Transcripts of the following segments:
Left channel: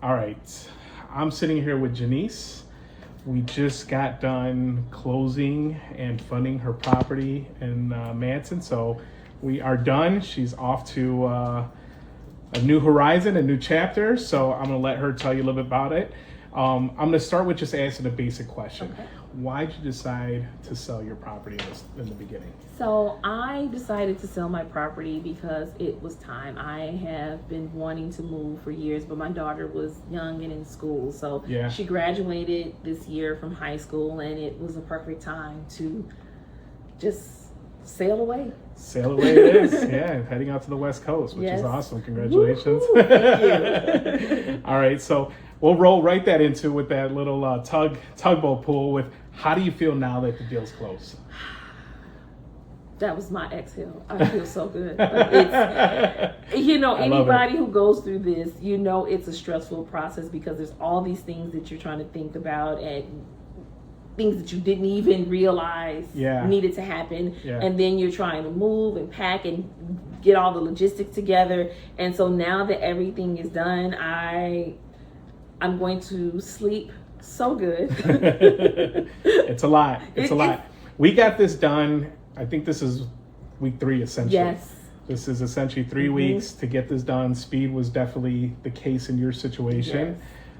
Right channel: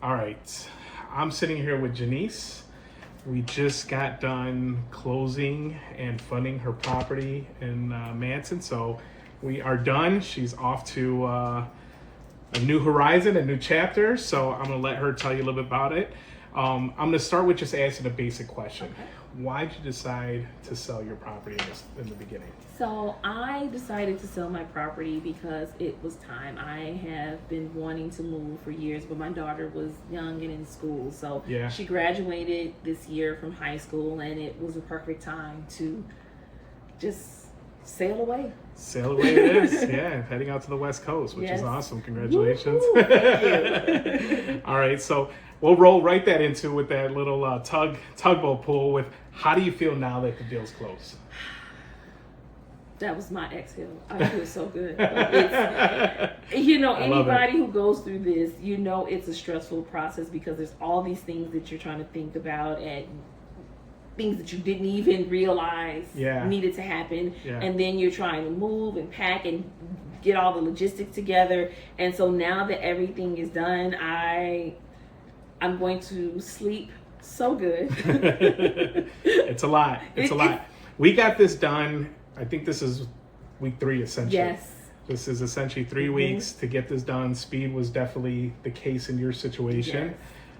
All right. I'm sitting here with JeNiece. We just got done closing and funding her property in Manson. So we are done. She's off to a new horizon, a new chapter. So I'm going to let her tell you a little bit about it. I'm going to start with just asking a basic question. Okay. Why did you decide to sell your property in the beginning? So I decided to sell my property because it was time. I have been wanting to move for years, but my daughter was young and in school. So Yeah. she graduated this year from high school, and it was a perfect time to just sail away. Sail away it is. Yeah, heading out to the West Coast, which is Yes. awesome. Congratulations. Woo-hoo, thank you. All right, so we'll roll right that into with that little tugboat pool with how do you feel now that the deal's closed? That was my exhale. I feel so good. Like it's, anybody who goes through this, it's a stressful process because there's all these things that you're trying to think about and things that you didn't even realize needed to happen. Yeah. And then you're trying to move and pack and get all the logistics together. And so now that everything is done, I'm going to sleep so good. It's a lot. It's a lot. We got this done. I think this is week 3 essentially. Yes. This is essentially 3 weeks to get this done. Speed was definitely the case in your situation. Yes.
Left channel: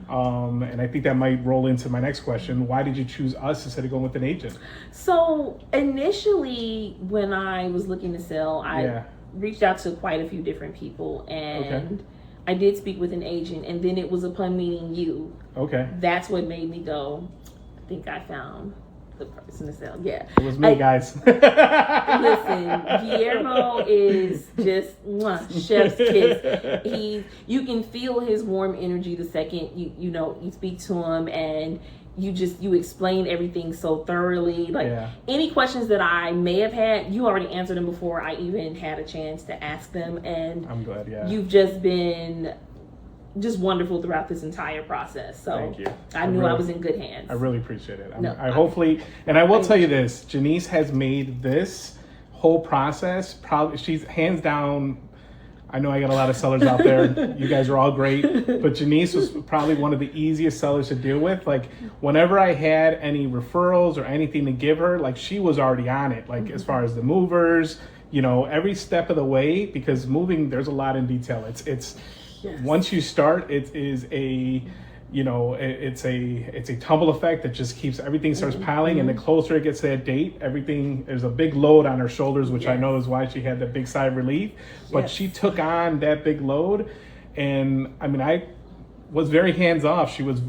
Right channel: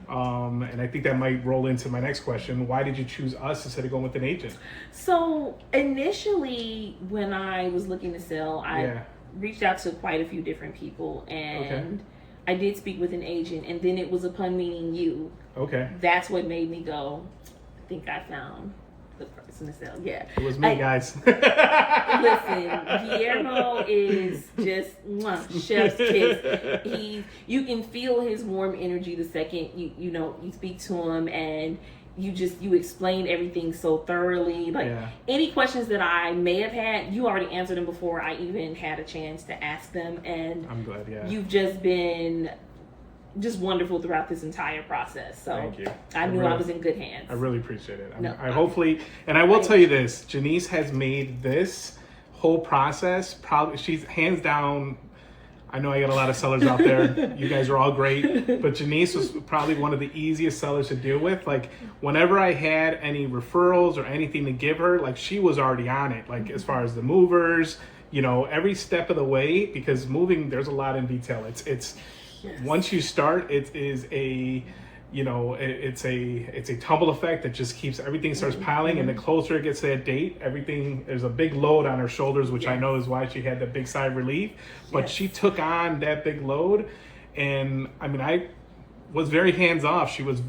And I think that might roll into my next question. Why did you choose us instead of going with an agent? So initially when I was looking to sell, I reached out to quite a few different people, and I did speak with an agent, and then it was upon meeting you. Okay. That's what made me go, I think I found the person to sell. Yeah. It was me, guys. Listen, Guillermo is just chef's kiss. You can feel his warm energy the second you speak to him, and you explain everything so thoroughly. Like any questions that I may have had, you already answered them before I even had a chance to ask them, and I'm glad. you've just been just wonderful throughout this entire process. So thank you. I knew I was in good hands. I really appreciate it. I hopefully, and I will tell you this, JeNiece has made this whole process probably, she's hands down, I know I got a lot of sellers out there. You guys are all great, but JeNiece was probably one of the easiest sellers to deal with. Like whenever I had any referrals or anything to give her, like she was already on it. Like as far as the movers, every step of the way, because moving, there's a lot in detail. It's once you start, it is it's a tumble effect that just keeps everything starts piling, and the closer it gets to that date, there's a big load on her shoulders, which I know is why she had that big sigh of relief. But she took on that big load, and I was very hands off. She was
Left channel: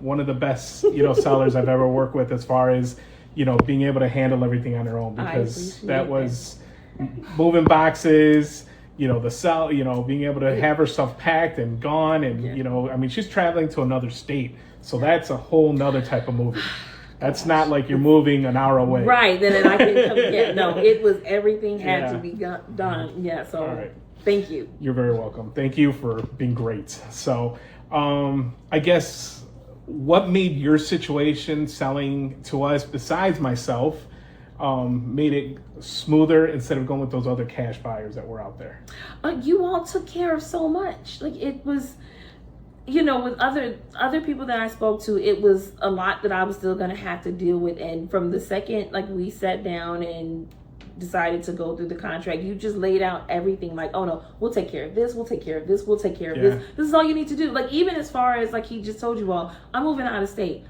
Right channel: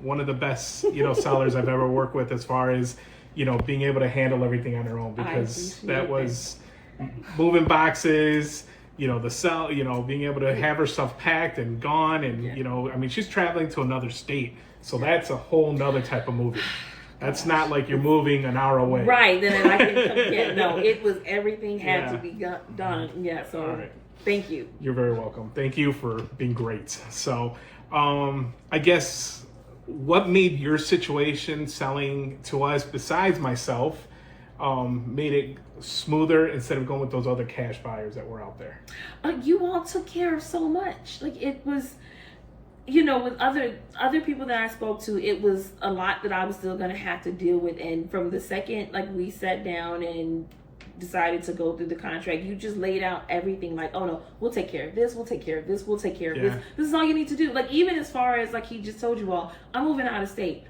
one of the best sellers I've ever worked with as far as being able to handle everything on her own, because that was moving boxes. Being able to have her stuff packed and gone, and she's traveling to another state, so that's a whole nother type of moving. That's not like you're moving an hour away. Right, then I can come. No, it was everything had to be done. Yeah, so thank you. You're very welcome. Thank you for being great. So, I guess what made your situation selling to us, besides myself, made it smoother instead of going with those other cash buyers that were out there? You all took care of so much. Like it was, with other people that I spoke to, it was a lot that I was still going to have to deal with. And from the second we sat down and decided to go through the contract, you just laid out everything like, oh no, we'll take care of this, we'll take care of this, we'll take care of this. This is all you need to do. Like even as far as he just told you all, I'm moving out of state.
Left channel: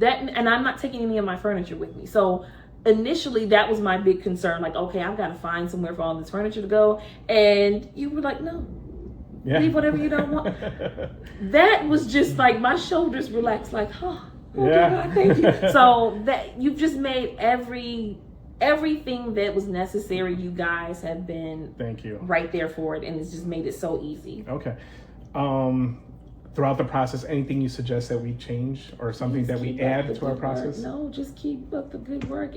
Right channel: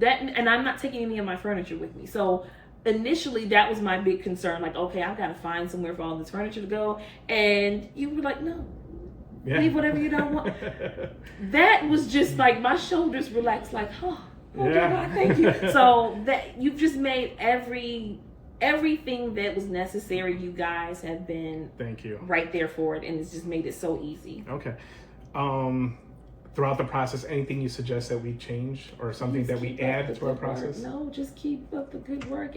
And I'm not taking any of my furniture with me. So initially that was my big concern, like, okay, I've got to find somewhere for all this furniture to go, and you were like, no, leave whatever you don't want. That was just like my shoulders relaxed, like, oh God, thank you. So that you've just made everything that was necessary. You guys have been right there for it, and it's just made it so easy. Okay. Throughout the process, anything you suggest that we change or something that we add to our process? No, just keep up the good work.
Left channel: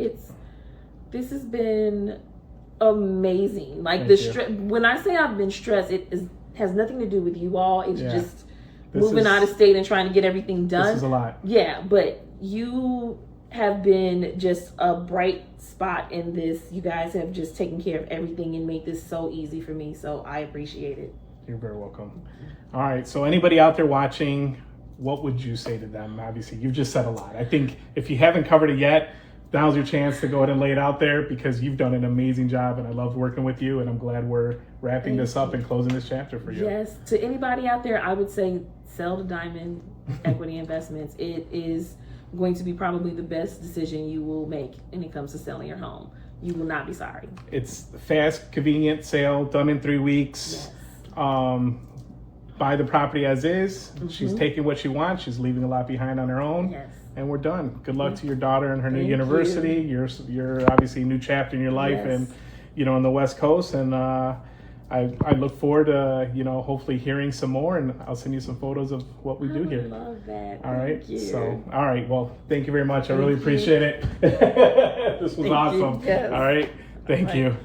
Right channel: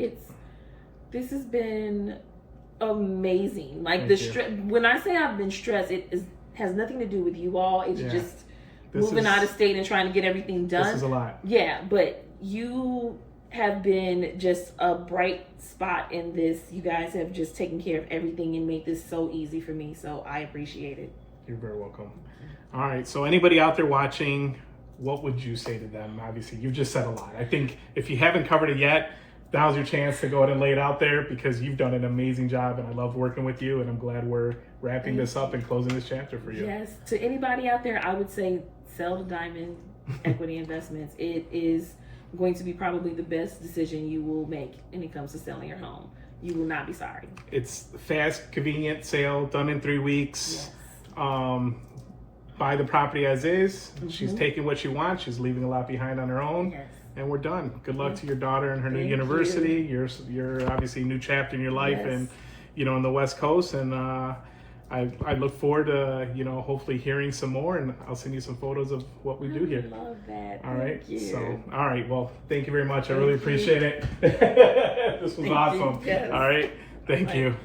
This has been amazing. Like when I say I've been stressed, has nothing to do with you all. It's just moving out of state and trying to get everything done. This is a lot. Yeah, but you have been just a bright spot in this. You guys have just taken care of everything and made this so easy for me. So I appreciate it. You're very welcome. All right. So anybody out there watching, what would you say to them? Obviously, you've just said a lot. I think if you haven't covered it yet, now's your chance to go ahead and lay it out there, because you've done an amazing job and I love working with you, and I'm glad we're wrapping this up and closing this chapter for you. Yes. To anybody out there, I would say sell the Diamond Equity Investments. It is going to be probably the best decision you will make when it comes to selling your home. You will not be sorry. It's fast, convenient sale, done in 3 weeks. Yes. Buy the property as is. She's taking what she wants. She's leaving a lot behind on her own. Yes. And we're done. Good luck to your daughter and her new Thank university. You're obviously a new chapter in your life, Yes. and on the West Coast. And I look forward to hopefully hearing some more, and I'll send you some photos of what we do here. I love that. All right. Thank you. So all right. Well, thank you very much. I really Thank you. appreciate it. This was Thank awesome. you. Yes. All right. Thank All right. you.